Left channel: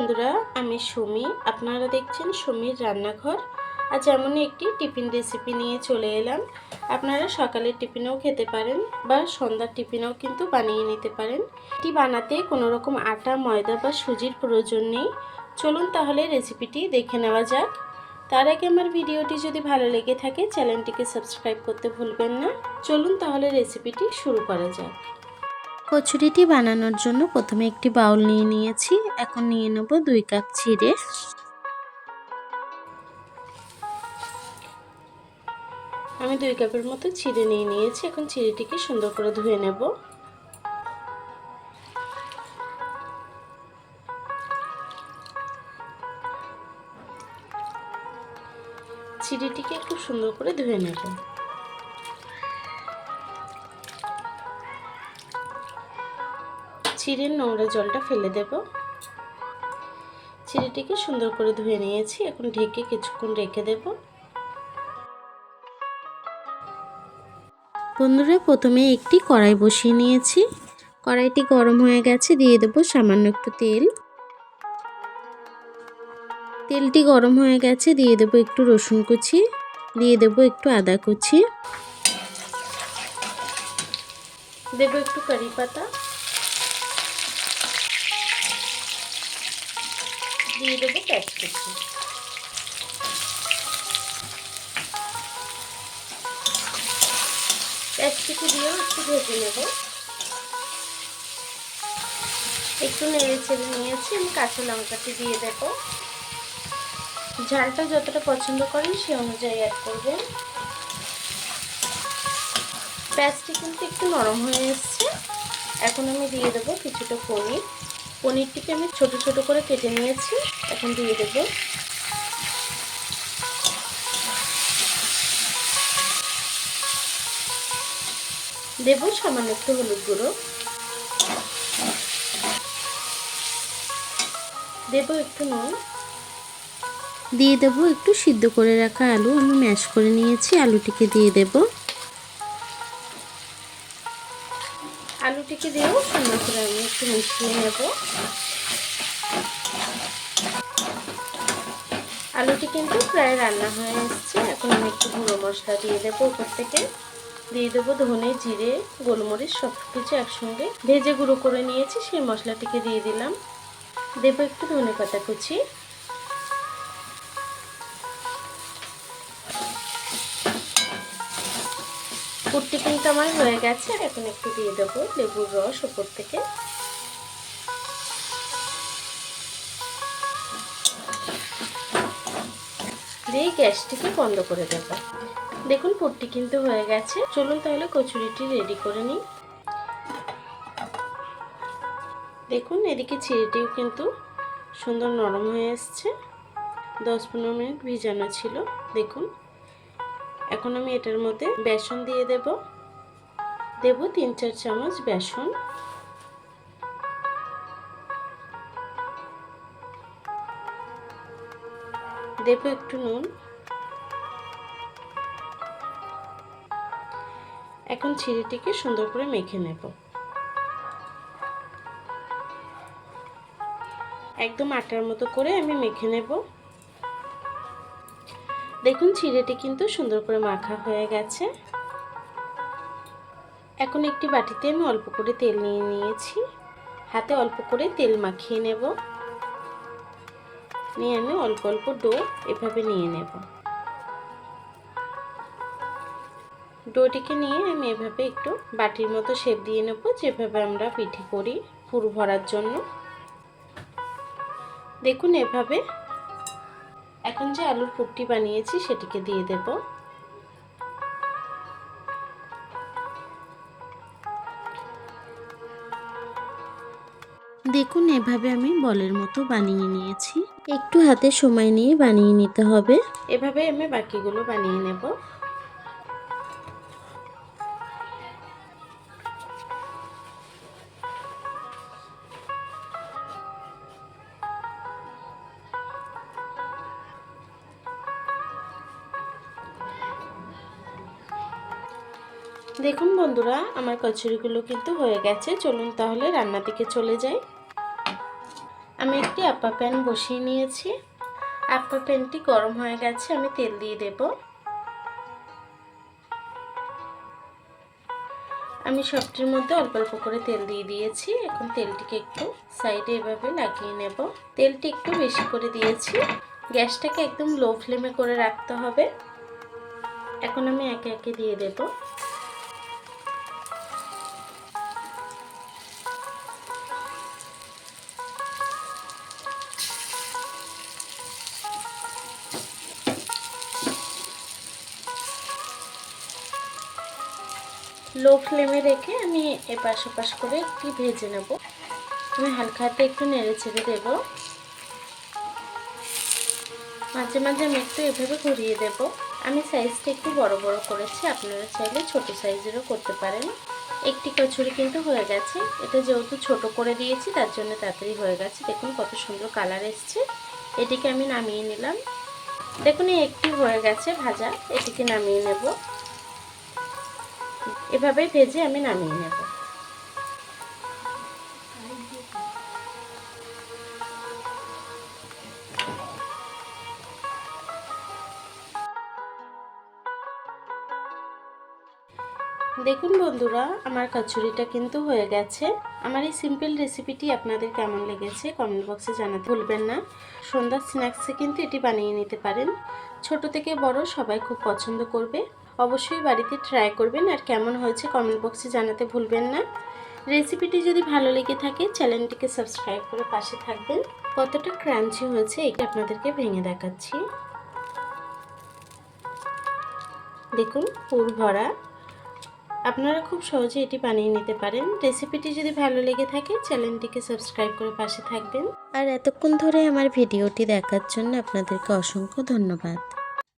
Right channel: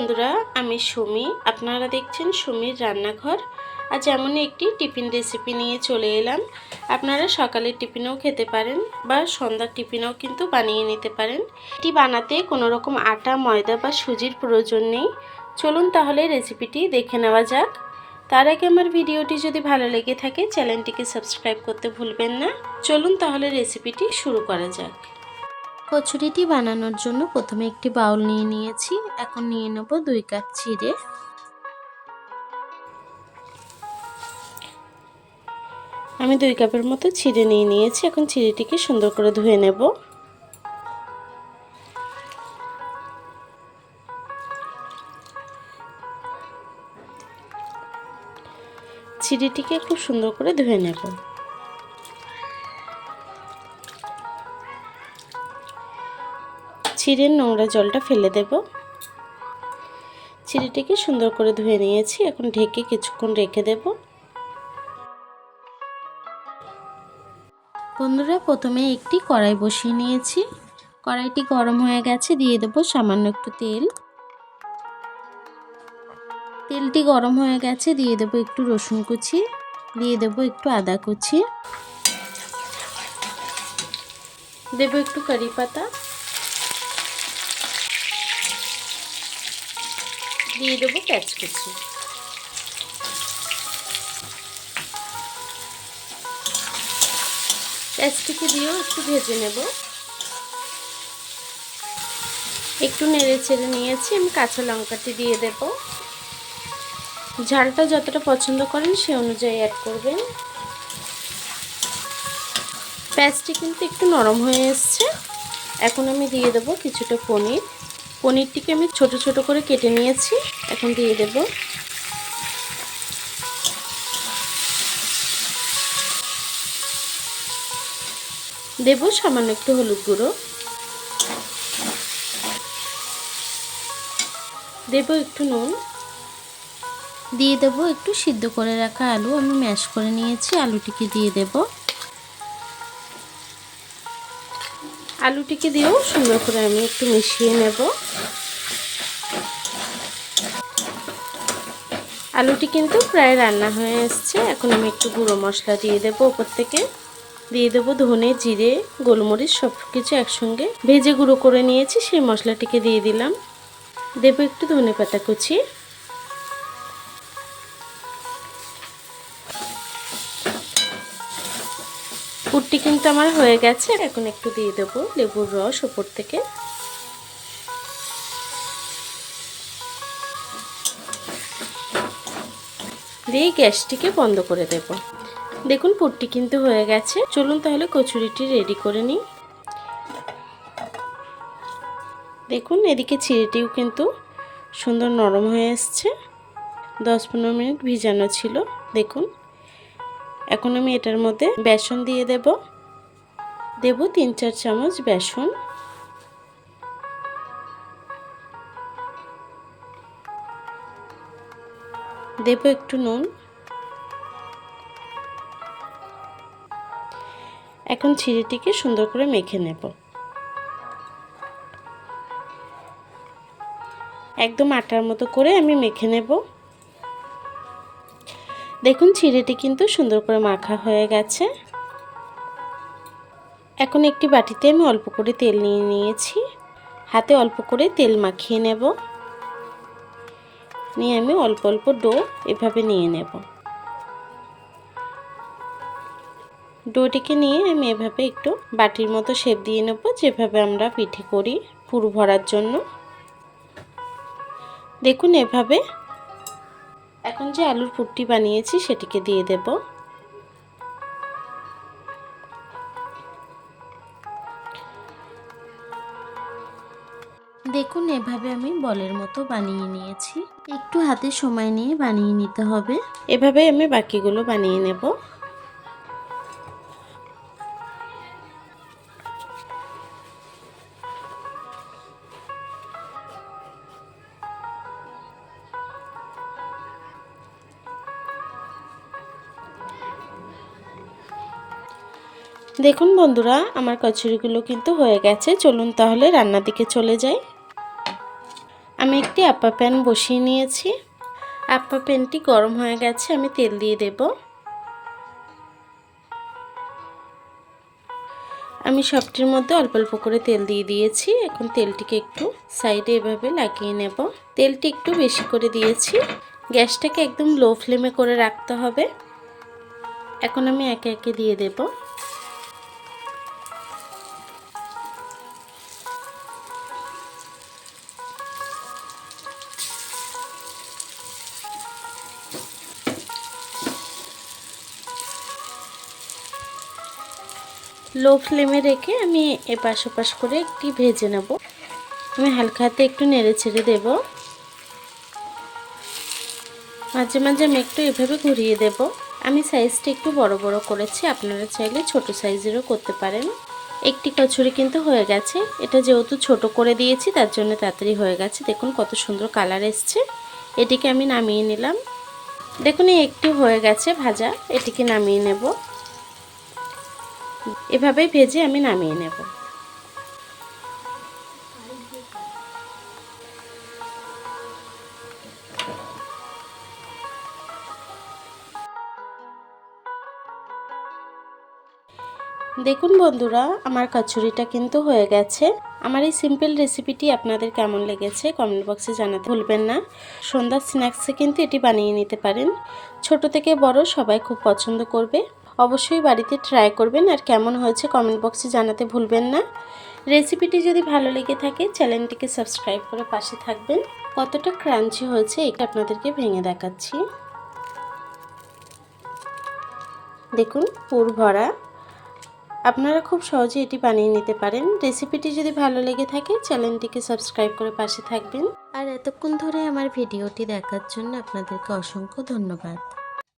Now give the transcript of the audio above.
বন্ধুরা, আমি সুমি। আপনারা দেখছেন সুমির রান্নাঘর। আজ এমনই একটি টিফিন রেসিপি নিয়ে চলে এলাম। আপনারা সকালের টিফিনেও খেতে পারেন বা সন্ধ্যার টিফিনেও কিন্তু বানিয়ে নিতে পারেন। এটি বানাতে কোনো রকম আটা, ময়দা বা সুজির প্রয়োজন নেই। চলুন তাহলে রেসিপিটি দেখে নেওয়া যাক। তার আগে আমার ভিডিওটি যদি ভালো লেগে থাকে চ্যানেলটিকে সাবস্ক্রাইব করতে ভুলবেন না। চলুন তাহলে রেসিপিটি শুরু করা যাক। কচুরিটি বানানোর জন্য প্রথমে একটি বাউল নিয়ে নিয়েছি। এখন নিয়ে নেব 2 কাপ চিড়ে। আমি 2 কাপের মতো চিড়ে নিয়ে নিয়েছি। এখন চিড়েটিকে সুন্দর করে ধুয়ে নেব। চিড়েটিকে খুব সুন্দর করে ধুয়ে নেব। চিড়ের নোংরা জলটা ফেলে দেব। চিড়েটিকে সুন্দর করে ধুয়ে নিয়েছি। এখন ঢেকে কিছুক্ষণ রেখে দেব। বন্ধুরা, প্রথমে একটি কড়াই বসিয়ে নিয়েছি। কড়াইটি গরম হয়ে গেছে। দিয়ে দেব সামান্য একটু তেল। তেলটি গরম হয়ে গেছে। দিয়ে দেব একটু রসুন কুচি, দিয়ে দেব একটু আদা কুচি, দেব একটু কারি পাতা, দিয়ে দেব পেঁয়াজ কুচি। পেঁয়াজটিকে দিয়েও একটু ভেজে নেব। একটু নেড়ে চেড়ে নিয়েছি। আমি কাঁচা লঙ্কাটি দিয়ে দেব। ঝালটা যতটা পছন্দ করেন সে অনুযায়ী অ্যাড করবেন। পেঁয়াজটি কিন্তু একটু নরম হয়ে এসছে। এখন আমি দিয়ে দেব কিছুটা পনির। পনিরটিকে আমি ছোট ছোট করে কেটে নিয়েছি। এখন দিয়ে দেব। দেব সামান্য একটু হলুদ গুঁড়ো, দেব একটু নুন, দিয়ে দেব একটু সিদ্ধ করে রাখা আলু। আমি ম্যাশ করে নিয়েছি। আলুটিকে দিয়ে দেব। আলুটিকে দিয়েও সুন্দর করে আমি একটু মিশিয়ে নেব। আলুটি কিন্তু প্রায় রান্না হয়ে এসছে। এখন আমি একটু গুঁড়ো মশলা দিয়ে দেবো উপর থেকে। দিয়ে দেবো ধনে, জিরে, গোলমরিচ সব কিছু একসঙ্গে ভেজে গুঁড়ো করে নিয়েছি, সেই মশলাটিকে দিয়ে দিলাম। দেবো একটু ধনে পাতা কুচি। পুরটি কিন্তু আমার হয়ে গেছে। এখন একটু দিয়ে দেবো লেবুর রস উপর থেকে। দিয়ে গ্যাসটিকে বন্ধ করে দেব। দেখুন পুরটি কিন্তু হয়ে গেছে। চলুন তাহলে কচুরিটি রেডি করে নিই। দেখুন এদিকে চিড়েটিও কিন্তু সুন্দর নরম হয়ে এসছে। 10-15 মিনিট ভিজানো ছিল। দেখুন এখন আমি এটার মধ্যে বেসন দিয়ে দেব। দেব 3-4 চামচ বেসন। দেব একটু নুন। এখন চিড়েটিকে সুন্দর করে মেখে নেব। একদম আটার মতো করে আমি মেখে নেব। দেখুন চিড়েটি কিন্তু সুন্দর করে মাখা হয়ে গেছে। এখন একটি বাটিতে আমি অল্প করে তেল নিয়ে নিয়েছি। হাতে অল্প করে তেল মাখিয়ে নেব। নিয়ে আমি অল্প অল্প ডো এভাবে নিয়ে নেব। ডোটিকে নিয়ে আমি এভাবে একটু বাটির মতো শেপ দিয়ে নেব, যেভাবে আমরা পিঠে করি পুর ভরার জন্য। দেখুন এভাবে। এখন যে আলুর পুরটি বানিয়েছি সেটিকে দিয়ে দেব। দেখুন এভাবে আমি বলের মতো বানিয়ে নিয়েছি। একটু হাতে সময় নিয়ে বানিয়ে নিতে হবে। এভাবে আমি বাকিগুলো বানিয়ে নেব। দেখুন বন্ধুরা, আমার কচুরিগুলো কিন্তু হয়ে গেছে। চলুন তাহলে রান্নার দিকে চলে যাই। আমি একটি আপ্পা প্যান বসিয়ে নিয়েছি। আপ্পা প্যানটি গরম হয়ে গেছে, আমি তেল দিয়ে দেব। আমি সবটির মধ্যে অল্প অল্প করে তেল দিয়ে দিয়েছি। এখন তেলটিকে একটু সাইডে এভাবে লাগিয়ে নেব। তেলটি একটু বেশি করে দিয়েছি। গ্যাসটাকে একদম লো ফ্লেমে করে রাখতে হবে। এখন আমি একে একে দিয়ে দেব। লো ফ্লেমে রেখে আমি এপাশ ওপাশ করে একটু ভেজে নেব। আমি হালকা হাতে একটু নেড়ে ছেড়ে দেব। মাঝে মাঝে আমি একটু এভাবে ঘুরিয়ে দেব। আমি সাইজটা একটু বড় বড় করেছি, আপনারা চাইলে ছোট সাইজেরও করতে পারেন। একটি কচুরি কিন্তু হয়ে গেছে। এটা যেহেতু ছোট করে দিয়েছি তার জন্য তাড়াতাড়ি হয়ে গেছে। দেখুন কত সুন্দর কালার এসছে। এটিকে আমি নামিয়ে নিলাম। দেখুন এই একটি হয়ে গেছে ভাজা, এটিকে নামিয়ে নেব। এভাবেই ভেজে আমি নামিয়ে নেব। দেখুন বন্ধুরা, আমার কচুরিটা কিন্তু হয়ে গেছে। আমার এই সিম্পল রেসিপিটি আপনাদের কেমন লেগেছে কমেন্ট বক্সে জানাতে ভুলবেন না। সন্ধ্যার স্ন্যাক্সে কিন্তু এটি বানিয়ে নিতে পারেন। ছোট থেকে বড় সবাই খুব পছন্দ করবে। অবশ্যই বাড়িতে ট্রাই করবেন, আর কেমন হয়েছে কমেন্ট বক্সে জানাতে ভুলবেন না। রেসিপিটি যদি ভালো লেগে থাকে চ্যানেলটিকে সাবস্ক্রাইব করে পাশে থাকবেন। কতটা ক্রাঞ্চি হয়েছে এটা আপনাদেরকে ভেঙে দেখাচ্ছি। দেখুন পুর ভরা। আপনারা খুব সহজে এটি বানিয়ে নিতে পারেন। রেসিপিটি যদি ভালো লেগে থাকে চ্যানেলটিকে সাবস্ক্রাইব করে পাশে থাকবেন। আর এতক্ষণ ধরে আমার ভিডিওটি দেখার জন্য আপনাদেরকে অসংখ্য ধন্যবাদ।